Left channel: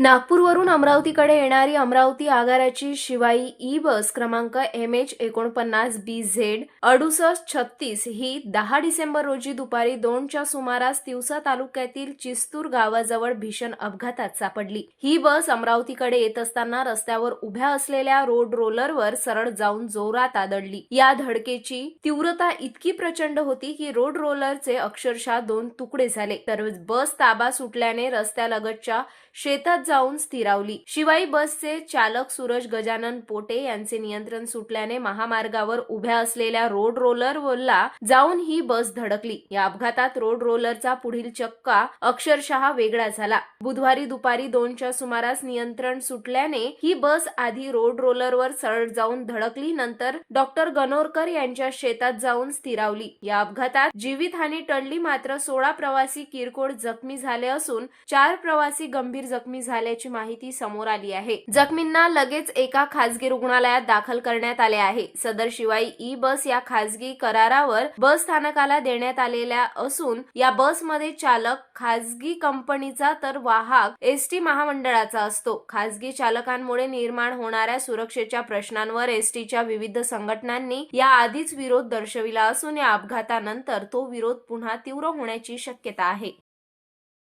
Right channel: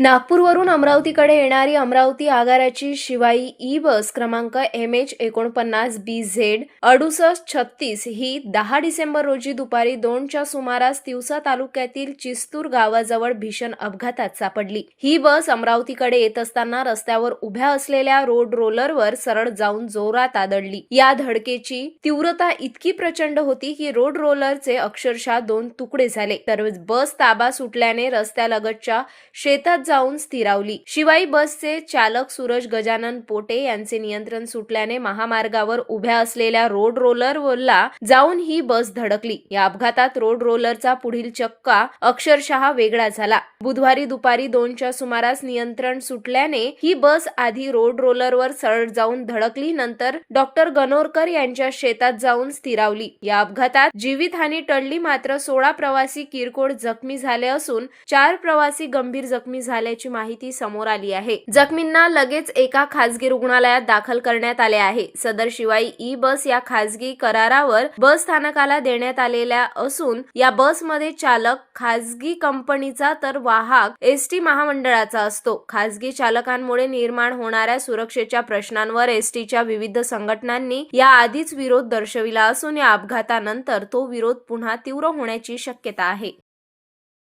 नागपूरवरून अमरावतीकडे येणारी अमरावती आगाराची शिवाई ई बस क्रमांक MH49BZ 6836 ही 10 डिसेंबर रोजी दुपारी 2च्या सुमारास तिवसा तालुक्यातील चिस्तूर गावाजवळ भीषण अपघातात सापडली। ही बस अमरावतीकडे येत असताना रस्त्यावर उभ्या असलेल्या रोड रोलरवर सरळ जाऊन जोरात आदळली। या धडकेची तीव्रता इतकी प्रचंड होती की रोड रोलरचे अक्षरशः 2 तुकडे झाले, तर बस ताबा सुटल्याने रस्त्यालगतच्या शेतात जाऊन स्थिरावली। शिवाई बसचे चालक सूरज गजानन पोटे यांचे नियंत्रण सुटल्याने महामार्गावर उभ्या असलेल्या रोड रोलरला जाऊन ही बस धडकली। या अपघातात रोड रोलरचा पुढील चक्का अक्षरशः वेगळा झाला। बुधवारी दुपारी 2च्या सुमारास नियंत्रण सुटल्याने ही बस आधी रोड रोलरवर सरळ जाऊन धडकली, नंतर डॉक्टर गणोरकर यांच्या शेतात जाऊन स्थिरावली। या अपघातात जीवितहानी टळली, मात्र 16 प्रवासी किरकोळ जखमी झाले असून 4 प्रवासी गंभीर जखमी झाल्याची माहिती समोर आली आहे। जखमींना लगेच एका खासगी रुग्णालयात दाखल करण्यात आले आहे। सदर शिवाई ई बस या खासगी करारावर बस स्थानकाला देण्यात आलेल्या असून या बसमध्ये चालक खासगी कंपनीचा तर वाहक एसटी महामंडळाचा असतो। खासगी चालकांमुळे निर्माण होणाऱ्या सुरक्षेच्या प्रश्नांवर एसटीच्या विविध संघटनांनी याआधीच विरोध दर्शविला असून या अपघातानंतर तो विरोध पुन्हा तीव्र होण्याची शक्यता आहे।